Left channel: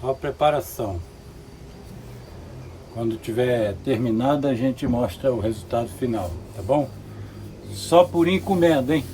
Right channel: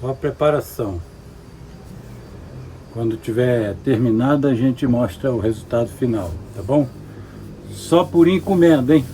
Só a preparação. Quando tiver terminada, a gente mostra o resultado final, tá bom? Só por encomenda, hein?